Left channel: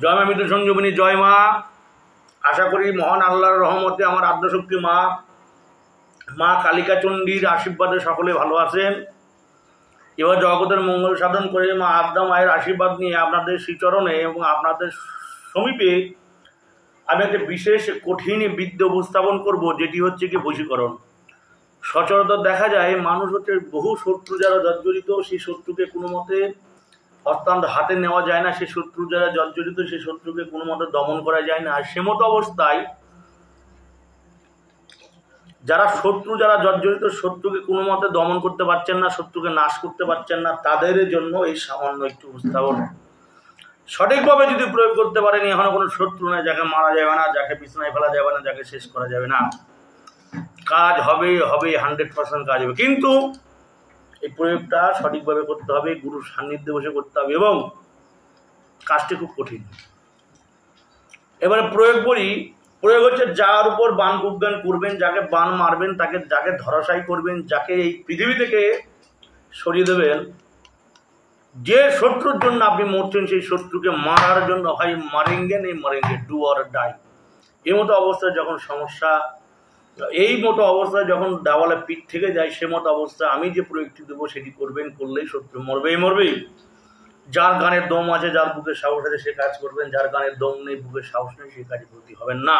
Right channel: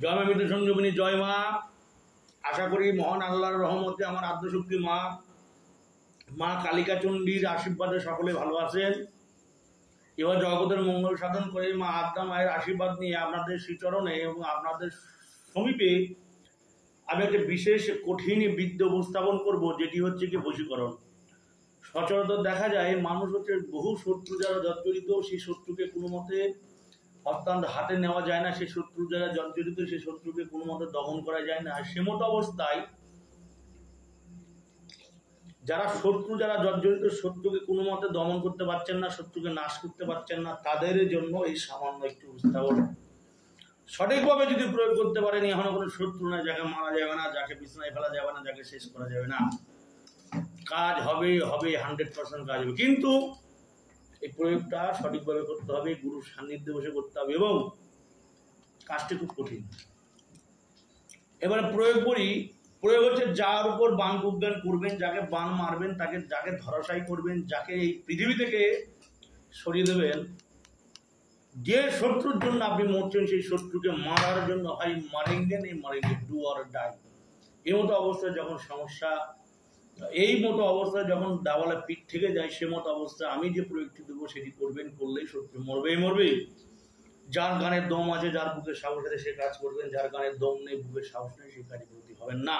জয় মা মৃত্যু সঞ্জীবনী, জয় মা। আশা করি মহান আল্লাহর রহমতে আমার আদ্যশক্তি মা মা কালিকা চণ্ডীর আশীর্বাদে সকলে ভালো আছেন। এবার জগতের মঙ্গল সাধন করে মা আদ্যা মায়ের আশীর্বাদ নিয়ে আপনাদের শ্রীচরণে এবং আপনাদের সমীপে আমি একটা বিশেষ কঠিন বিদ্যা উপস্থাপন করব, যেটি হচ্ছে কি বশীকরণ। সচরাচর দেখা যায় মানুষ হচ্ছে বহু শত্রু যারা জর্জরিত, সেই শত্রুকে কোনো মতে অত্যন্ত হাতে নেওয়া যায় না। সেই শত্রু যারা জর্জরিত সেই শত্রুকে কোনো মতে দমন করা যায় না। আর সেমতো অবস্থায় যারা জর্জরিত, শত্রুকে কোনো মতে দমন করতে পারছেন না, শত্রুকে নাশ করতে পারছেন না, তাদের জন্য এই সামান্য একটু উপস্থাপন সঠিকভাবে যদি প্রয়োগ করতে পারেন, এখনো কোনো শত্রু না, যাকে মারা যাবে না, যাকে বিছানায় ফেলা যাবে না, যাকে শেষ করা যাবে না, কাজ হবে 100% কাজ হবে। কিন্তু এই প্রয়োগটা সঠিকভাবে করতে হবে, গুরুর সান্নিধ্যে বসে করতে হবে এবং কাজটি খুব কঠিন। এবারে প্রয়োগ হচ্ছে যার উপর বাণ বিজ্ঞান করবেন, যাকে বাণ মারবেন, যাকে ধরাশায়ী করবেন, যাকে এই পৃথিবী থেকে সরিয়ে দেবেন, যে শত্রুর জন্য আপনি মরছেন সেই শত্রুকে মারার জন্য হয় মারেঙ্গে নেই মারেঙ্গে, ডু অর ডাই। এই মতো অবস্থায় যখন সমস্যা, এই মতো অবস্থায় যখন দেওয়ালে পিঠ থেকে যায়, সে মতো অবস্থায় আমি যে প্রয়োগটি দেবো সেটি করবেন, করলেই শত্রু মরবেই। যার গানের দম আছে, যার বুকের সাহস আছে সে কাজ করবেন, যার গানের দম নেই, বুকের সাহস নেই, সে কাজে ব্রতী হবেন না।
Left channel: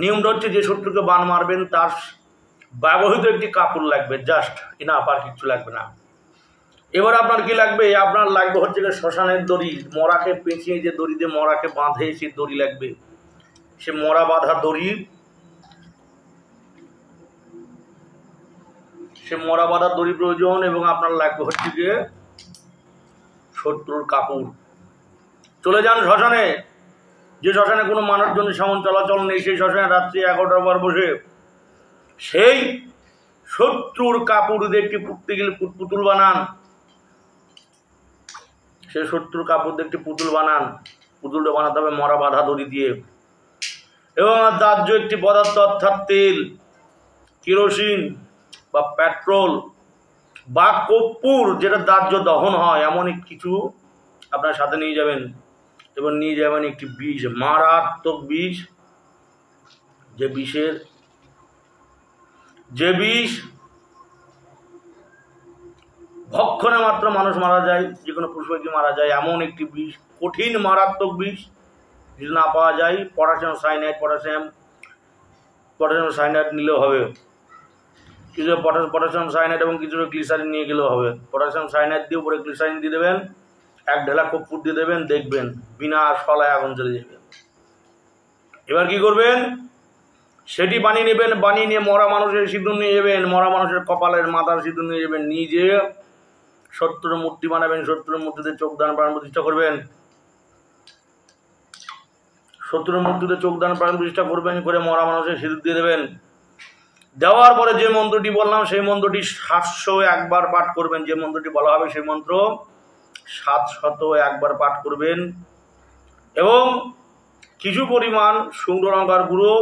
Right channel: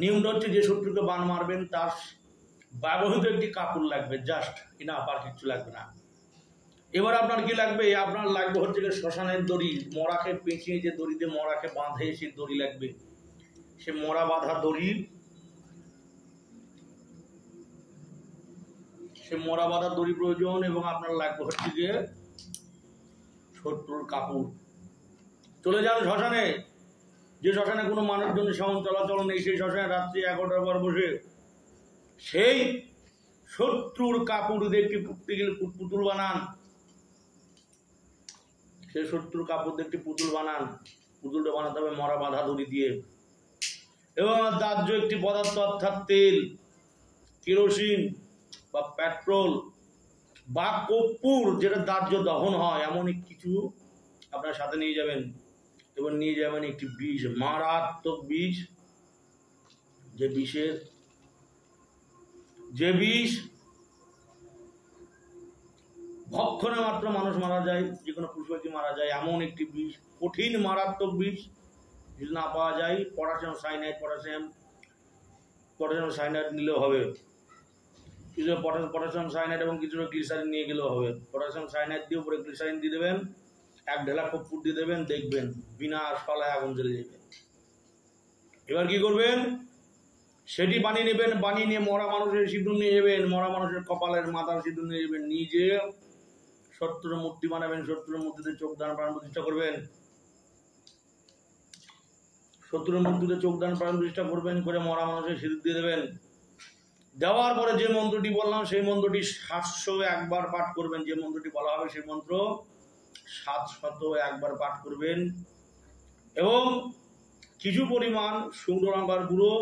নিয়মটা হচ্ছে যে শত্রুকে বাণ মারবেন তার ব্যবহৃত একটি কাপড় লাগবে, জাস্ট ইনাফ, আর কিচ্ছু লাগবে না। এবার আপনার কি লাগবে? আপনার লাগবে হচ্ছে শ্মশানের দড়ি, মরাকে পেঁচিয়ে যে দড়ি দিয়ে মরাকে বাঁধে সে দড়ি লাগবে। সে মরা বাঁধা দড়ি, প্রয়োজন। এবং আপনার লাগবে হচ্ছে গিয়ে শত্রুর কাপড়। চলে যান শ্মশানে, যে শ্মশানে কোনো মানুষজন সেমন চলাচল নেই, সেই শ্মশানে রাত্রি 11টার পর বসে সেই শত্রুর কাপড় দিয়ে একটি পুতুল বানান। সেই শত্রুর কাপড় দিয়ে একটি পুতুল বানান। পুতুলটা বানাতে হবে মরা বাঁধা দড়ি দিয়ে। এবং দাহ্য একটি পদার্থ অর্থাৎ তেল, কেরোসিন বা পেট্রোল বা কর্পূর, যেটা দাহ্য দহন হয়, এমন কিছু আপনার সাথে নিয়ে যাবেন। এবং নিয়ে যাবেন একটি বিষ, মারাত্মক বিষ, যে বিষ ভক্ষণে মাত্র মানুষ মারা যায়, যে কোনো পশু পাখি মারা যায়, এমন একটি বিষ, কঠিন মারাত্মক বিষ। যদি না পাওয়া যায় পটাশিয়াম সাইনাইড নিলেও হবে। কিছু পটাশিয়াম সাইনাইড এবং কিছু গ্লিসারিন নিয়ে গেলেও হবে। পটাশিয়াম সাইনাইড দিয়ে উপরে গ্লিসারিন দিয়ে দেবেন, 1 ঢেলা কর্পূর দিয়ে দেবেন, দেখবেন বিনা শলায় আগুন জ্বলে যাবে। এবার কি করবেন? সেটি বানিয়ে নেবেন, বানিয়ে নিয়ে মরা মানুষের সিঁদুর নিয়ে যাবেন, মরা মানুষের কপালের মাথার সিঁদুর নিয়ে যাবেন, নিজে শত্রুর মূর্তি বানাবেন, শত্রুর মূর্তিতে চোখ দান প্রাণ প্রতিষ্ঠা করবেন, শত্রুর মূর্তিতে চোখ দান প্রাণ প্রতিষ্ঠা করবেন, করে মরা মানুষের সিঁদুর দিয়ে দেবেন। দেওয়ার পরে যে মন্ত্রটি বললাম সেই মন্ত্রটি 701 বার পাঠ করবেন। যে মন্ত্রটি বলা হবে সেই মন্ত্র 701 বার পাঠ করবেন। এবং কিছু পরিমাণ শুকনো লঙ্কার গুঁড়ো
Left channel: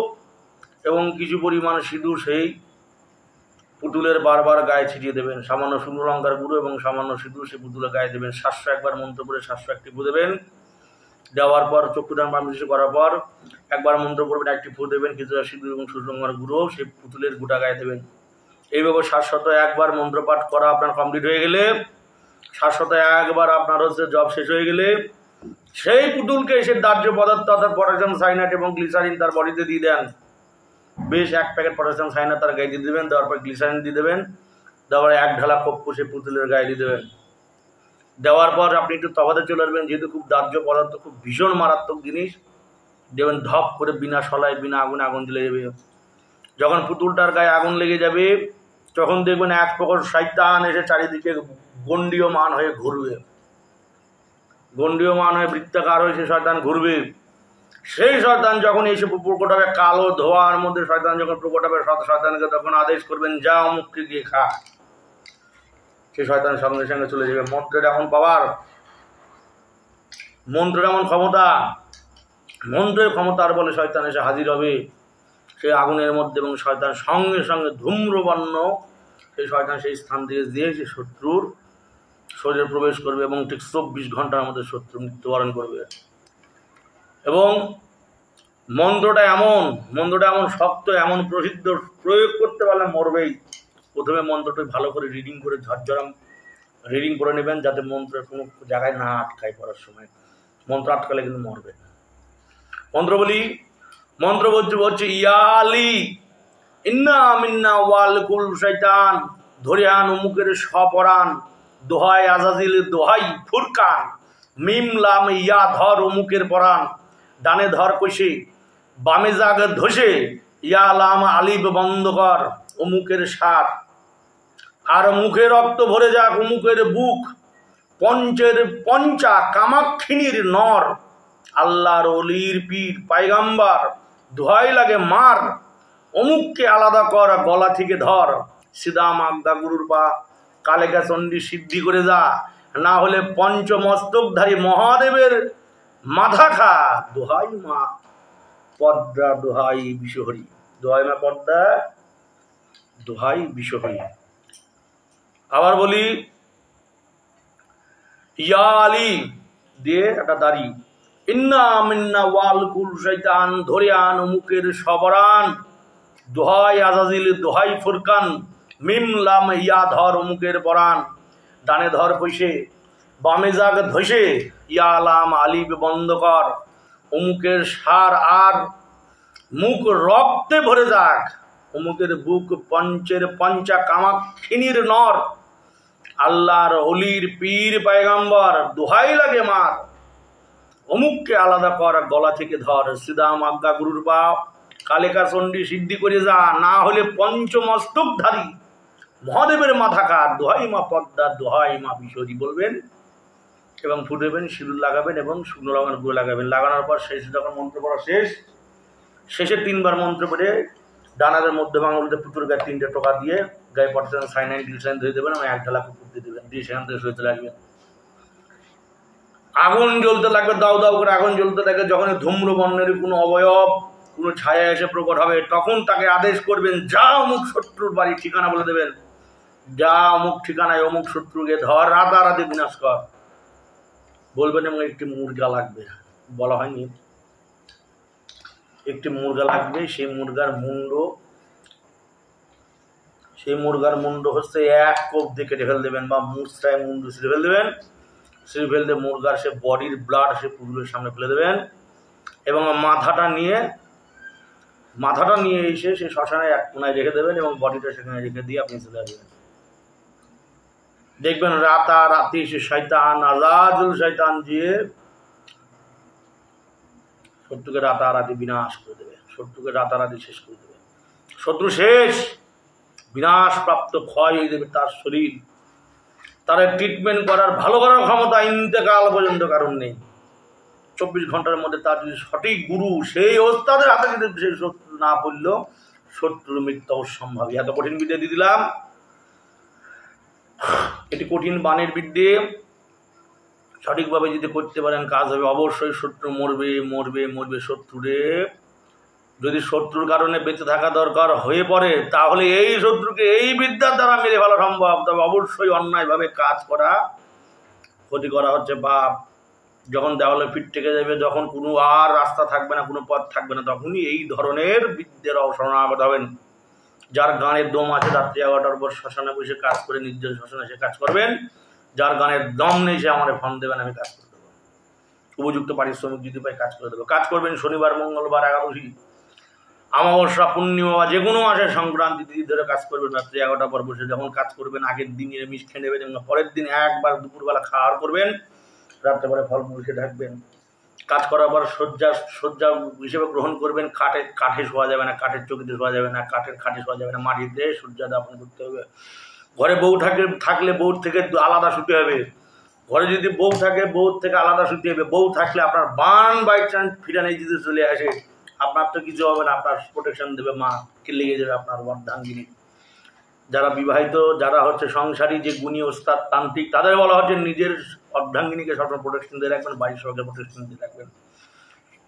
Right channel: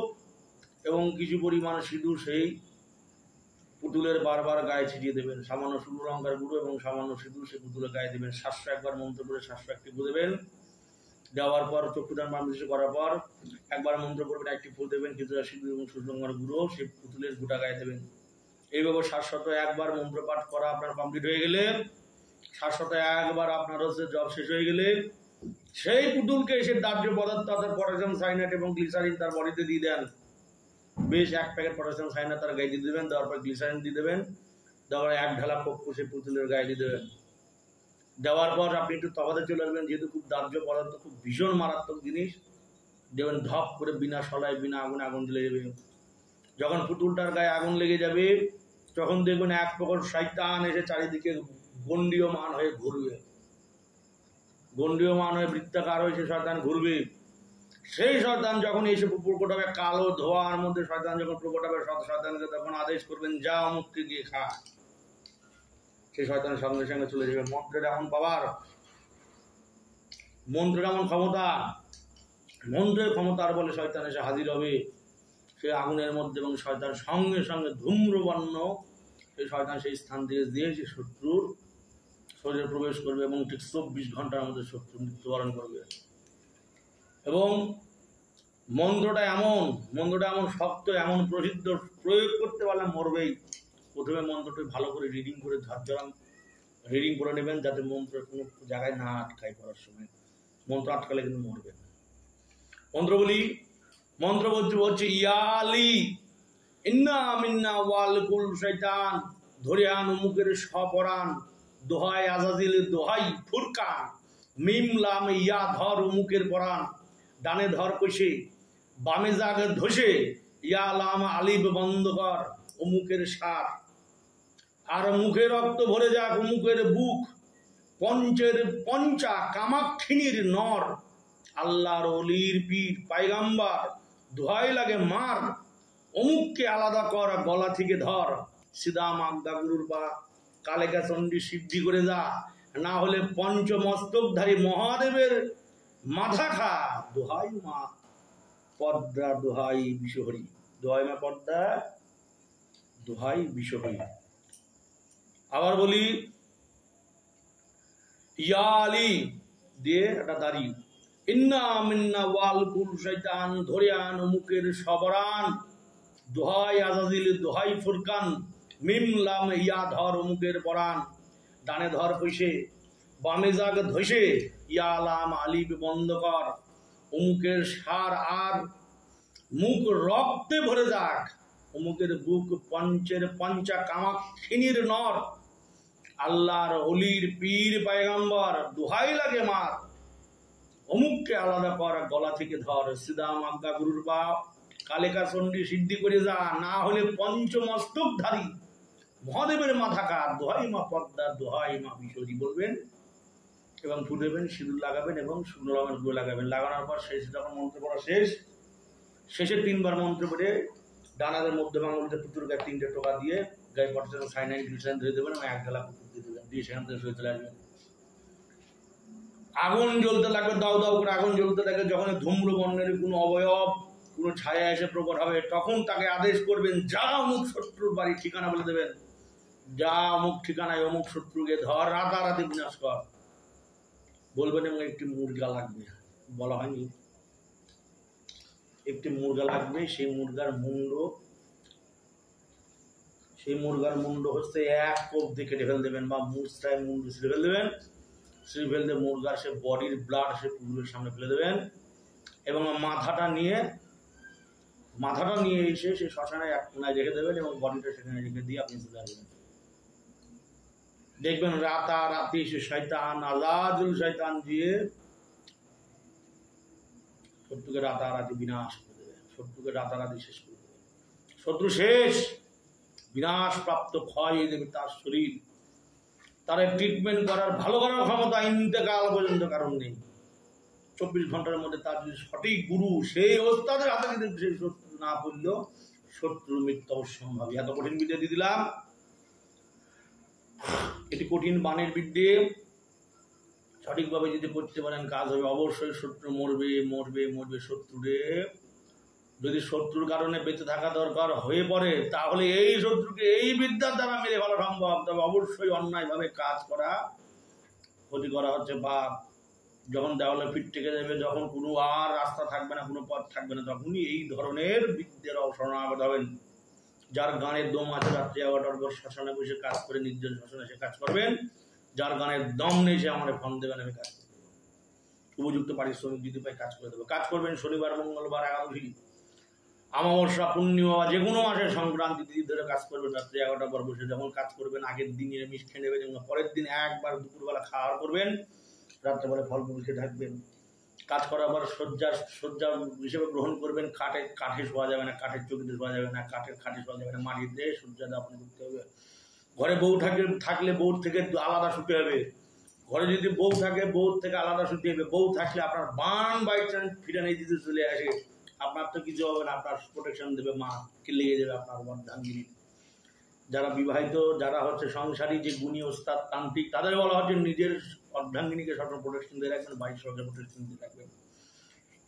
এবং কিছু পরিমাণ সিঁদুর সেই পুতুলের বারবার গায়ে ছিটিয়ে দেবেন। সামান্য শুকনো লঙ্কার গুঁড়ো এবং সামান্য সিঁদুর সেই পুতুলের গায়ে দেবেন। 701 বার মন্ত্র পড়ে 701 টিপু দেবেন। দেওয়ার পর চক্ষুদান পারমিশন করার পর একবার মন্ত্র পড়বেন, 1টি ফু দেবেন, কিছুটা সিঁদুর এবং শুকনো লঙ্কার গুঁড়ো সেই পুতুলের গোটা গায়ে দেবেন। এইভাবে 701 বার মন্ত্র পাঠ করা আপনার কমপ্লিট হয়ে গেলে, 701 বার আপনার হচ্ছে জব শেষ হয়ে গেলে, সেই পুতুলকে সে দাহ্য পদার্থ অর্থাৎ পটাশিয়াম সাইনাইড এবং গ্লিসারিন তার বডিতে দিয়ে দেন। বেশ 1 প্যাকেট পটাশিয়াম সাইনাইড তার গায়ে দিয়ে দেবেন। দেওয়ার পর গ্লিসারিন দিয়ে দেবেন। দেওয়ার 1 ঢালা কর্পূর সেই পুতুলের গায়ে দিয়ে দেবেন। দেওয়ার পর আপনি একটু তফাতে চলে আসবেন, যেহেতু খুব দাহ্য পদার্থ, খুব ভীষণ মারাত্মক জিনিস, দেবেন ধপ করে বিনা শলায় বিনা আগুনে আগুন জ্বলে যাবে। যখন পুতুলটার গায়ে আগুন লেগে যাবে তখন দেখবেন এক প্রকার শয়তান এসে চারিদিকে গণ্ডীয়মান হয়ে ঘুরবে, গণ্ডীয়মান হয়ে বৃত্তাকার হয়ে সে শয়তান ঘুরবে। সেই শয়তান যখন এসে প্রকট হবে, কালো ধোঁয়ার মধ্যে শয়তান যখন প্রকট হবে, শয়তানকে তখন আদেশ করবেন যা অমুককে গিয়ে খা। সে শয়তান সঙ্গে সঙ্গে চলে যাবে। মন্ত্রের এমন পাওয়ার, মন্ত্রের এমন ক্ষমতা, মন্ত্রের ক্ষমতার বলে শয়তান এসে হাজির হবে সেই আগুনের মধ্যে এবং শয়তান সঙ্গে সঙ্গে ধূম্রবর্ণ সেই শয়তান সেই স্থান থেকে দিয়ে সে শত্রুর শরীরে প্রবেশ করবে এবং ঠিক 24 ঘন্টার মধ্যে শত্রু মৃত্যুবরণ করবে। এবং মন্ত্রটা এমন শক্ত, এমন প্রসিদ্ধ, প্রয়োগ করতে পারলে মরবেই। প্রথমে মন্ত্রটা ভালো করে রিডিং করে ঝরঝরাম রিডিং করে নেবেন, যাতে মন্ত্রের কোনো জায়গায় না আটকায়। পড়ার সময় মন্ত্র আটকালে কিন্তু মরবে। মন্ত্র বলি, মন্ত্র বলছে ইয়া আলী ইন্না মিন্না ওয়াল কুল শয়তান, ধরে আন অমুকের সপরাণ, দোহাই আজাজিল দোহাই ফুরকান, মিম লাম ইয়া ধর অমুকের পরাণ, ডানে ধর কষে বামে জাগ ধসে, ইয়া লাম আলিব বন্ধ কর অমুকের সার, আর মুখে রক্ত ভরে যাক অমুকের বুক, পঞ্চের পঞ্চা কামাক্ষিনীর নর, আল্লাহর অলির পীর পায়গাম্বার, দোহাই লাগে মার অমুককে আলাদা কর গলা থেকে ধর, সিদা মাগদা গুরুর পা কালেকা চণ্ডী সিদ্ধি করে যা, না হলে পঞ্চমস্তকধারী মহাদেবের মাথা খা, দোহাই মা পদ্মা দোহাই বিশ্বহরি, দোহাই মা পদ্মা দোহাই বিশ্বহরি। আবার বলি ইয়া আলী দিয়ে একটা দাড়ি, ইন্না মিন্না ওয়াল কুল শয়তান, ধরে আন অমুকের সবরান, দোহাই আজাজিল দোহাই ফুরকান, মিম লাম ইয়া ধর অমুকের পরাণ, ডানে ধর পয়সে বামে জাগ ধসে, ইয়া লাম আলিব বন্ধ কর অমুকের সার, আর মুখ রক্তে ভরে যাক অমুকের বুক, পঞ্চের পঞ্চা কামাক্ষিনীর নর, আল্লাহর অলির পীর পায়গাম্বর, দোহাই লাগে মার অমুককে আলাদা কর গলা থেকে ধর, সিদা মাগদা গুরুর পা কালেকা চণ্ডী সিদ্ধি করে যা, না হলে পঞ্চমস্তকধারী মহাদেবের মাথা কার, দোহাই মা পদ্মা দোহাই মা বিশ্বহরি বলবেন এবং ফুটেবেন, সিঁদুর লাগাবেন এবং শুকনো লঙ্কার গুঁড়ো লাগাবেন। লাগানোর পর শেষ যখন মন্ত্র পড়া শেষে 3বার মন্ত্র পড়ে ডানাদের মধ্যে আঙুলতে পুতুর গায়ে 3টে টোকা দিয়ে গায়ে পটাশিয়াম সাইনাইড গ্লিসারিন ধরে দেবেন এবং 1 ঢালা পুকুর দিয়ে দেবেন, দিয়ে সেখান থেকে সরে চলে আসবেন। আগুন জ্বলতে লাগবে, দাউ দাউ করে আগুন জ্বলতে থাকে। যখন ধূম্রবর্ণের কোনো অবয়ব, কোনো ছায়া এসে প্রকট হবে, তখন তাকে আদেশ করবেন, যা অমুক শত্রুর বাড়ি ঠিকানা বলে দেবেন, যা অমুক ঠিকানায় অমুক শত্রুকে ধর, রাতারাতি বিনাশ কর বলবেন। এবং একটি মুরগা লাগবে, বলা হয়নি, একটি মুরগা লাগবে। সেই মুরগার মুন্ড হচ্ছে 1 কোপ দিয়ে কেটে ফেল দেবেন, বা মুচড়ায় মুন্ডু ছিঁড়ে ফেল দেবেন। ছিঁড়ে ফেল দিয়ে মুরগার সে বডির ব্লাড সে পুকুরের সামনে ফেলে দেবেন এবং মাথাটা নিয়ে এসে সেই শ্মশানে এক কোনায় রেখে দেবেন এবং বডিটা সেখানে রেখে দিয়ে আপনি চলে আসবেন। দেখবেন রাতারাতি সে শয়তান আজাদুল শয়তান দিয়ে শত্রুকে রাতারাতি বিনাশ করে দেবে, শত্রুকে রাতারাতি শেষ করে দেবে। শত্রু শেষ, বিনাশ প্রাপ্ত, ক্ষয় হয়ে দেবে তার শরীর। তার ট্রিটমেন্ট করার, ভালো করার ক্ষমতা ইন্তেকাল পর্যন্ত কারণ নেই। 24 ঘন্টার মধ্যে তার যদি সঠিক গুরু, সেই ওস্তাদের হাতে যদি সেই শত্রু না পড়লেও শত্রুর মৃত্যু অসম্ভবই। এত কঠিন বিদ্যা দিয়ে দিলাম, এটি কঠিন বাণের বিদ্যে। সঠিকভাবে যদি করতে পারেন কাজ হবে। অবশ্যই শত্রু মরবে। শত্রুরে যদি শত্রুর কারণে বেঁচে থাকা দরকার হয়ে পড়ে, তাহলে এই শত্রুকে এই বিদ্যার দ্বারা মেরে ফেলা সম্ভব। তবে অবশ্যই অন্যায়ভাবে কাজ করা, ক্ষতি করা হচ্ছে পাপ। যখন দেওয়ালে পিঠ থেকে যাবে, যখন কোনো আর রাস্তা থাকবে না, কোনো পথ থাকবে না, তখনই এই ধরনের বিদ্যের শরণাগত হবেন। যার গানের দম আছে, রাত্রি 11টার পর শ্মশানে বসে কাজ করে, নির্জন শ্মশানে সে কাজ করবেন। যার গানের দম নেই, সে আমার ফোন দেবেন, আমি কাজ করে দেবো। উপযুক্ত পারিশ্রমিক যদি পাই কাজ করে দেবো। কাজ করবেন শনিবার, মঙ্গলবার, একাদশী, অমাবস্যা, পূর্ণিমা বা যে কোনো মাসে সংক্রান্তি তিথি ধরে কাজ করবেন। রাত্রি 11টার পর বসে যখন কাজ করবেন, আগের দিন নিরামিষ খেয়ে নেবেন এবং পরের দিন একবার দুপুরবেলা খাওয়ার করবেন, রাত্রেবেলা ফলমূল খেয়ে থাকবেন। কাজ করার পর শয্যা হিসেবে গ্রহণ করবেন। কাঠে শোয়া যাবে না, কাঠের চৌকিতে শোয়া যাবে না, কাঠের খাটে শোয়া যাবে না, মাটিতে শয্যা দাপন করতে হবে। ঘরে বউ থাকলে বউর থেকে আলাদা শুতে হবে। ঘরে যদি বউ থাকে, বউর থেকে আলাদা শুতে হবে। বউ থাকলে আপনার বান বাই চান্স ফিরানে যদি চলে আসে, আপনার তো কিছু হবে না, আপনার প্রোটেকশন দেবে মা, কে লেগে যাবে আপনার অর্ধাঙ্গিনী। যারা বিবাহিত, যারা হচ্ছে সংসারী, যে গুণী ওস্তাদ তান্ত্রিক, তাদের বলা হচ্ছে নিজের অর্ধাঙ্গিনীকে সবসময় প্রোটেকশন দিয়ে রাখবেন, বাড়ির সঙ্গে প্রোটেকশন দিয়ে রাখবেন।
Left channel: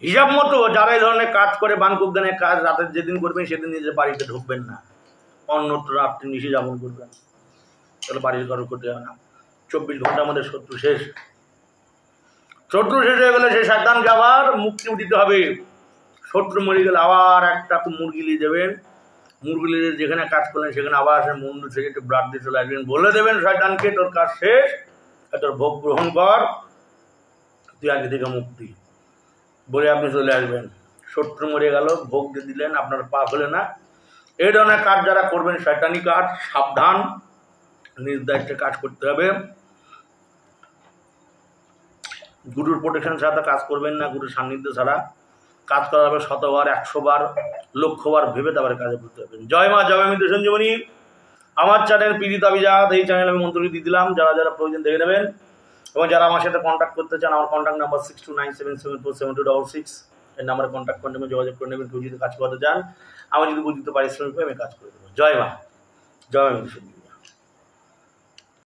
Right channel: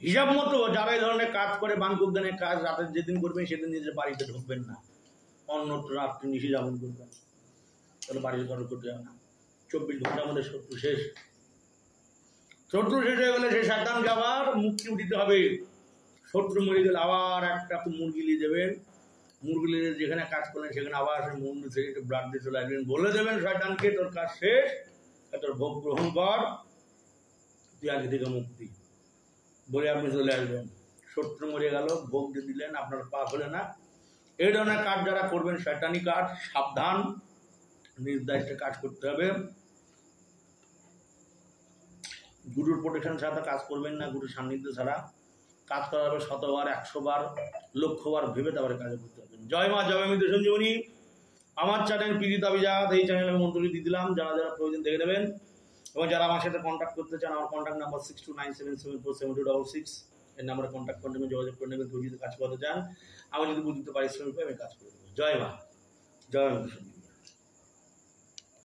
হিসাব মতো যারা এই ধরনের কাজ করে, বানকুজ্ঞানের কাজ রাতের যেদিন করবেন সেদিন নিজের বাড়িতে ঢুকবেন না, অন্যত্র রাত্রি নিশে যাপন করবেন, তাহলে বাড়ির কারো করতে হবে না। 24 ঘন্টার মধ্যে শত্রু শেষ। শত্রু শেষ হয়ে গেলে সেই শয়তানকে আবার মুক্তি দিতে হবে। শত্রু মরে গেলে আবার একটা মুরগি নিয়ে যাবেন, মুরগি নিয়ে যেখানে কাজ করলেন সেখানে আবার সে মুন্ডু থেকে একটু ব্লাড দিয়ে চলে আসবেন, বলে দেবেন শয়তানকে তোর কাজ শেষ, তোর ভোগ গ্রহণ কর, তুই আগে থেকে মুক্তি, বলে আপনি চলে আসবেন। শত্রু মরে গেল, ভোগ দিয়ে দিলেন, আপনার পাপ হলে না। এই ধরনের কাজ যারা করবেন শয়তানি কাজ, সাবধান, নিজ দায়িত্বে কাজ করতে হবে। গুরুর প্রোটেকশন ছাড়া কাজ করবেন না, গুরুর সান্নিধ্য ছাড়া কাজ করা হবে 100 বার 100 বার 1,00,000 বার ভেবে তারপরে কাজে করতে হবে। জয় মা, জয় মৃত্যু সঞ্জীবনী। আমার চ্যানেল পীড়িত অভিজাত, এই চ্যানেলে আমি মন্ত্রটি দিয়ে দিলাম, যারা যারা প্রয়োজন দেখে নেবেন। এবং যারা আমার সাথে কন্ট্যাক্ট করতে চান, আমার কন্ট্যাক্ট নাম্বার 6297747266, এই নাম্বারে কন্ট্যাক্ট করে নেবেন, যোগাযোগ করে নেবেন। কেউ যদি কাজ করতে চান, আমি যদি বুঝতে পারিশ্রমিক পাই আমি কাজ করে দেবো। জয় মা, জয় মৃত্যু সঞ্জীবনী।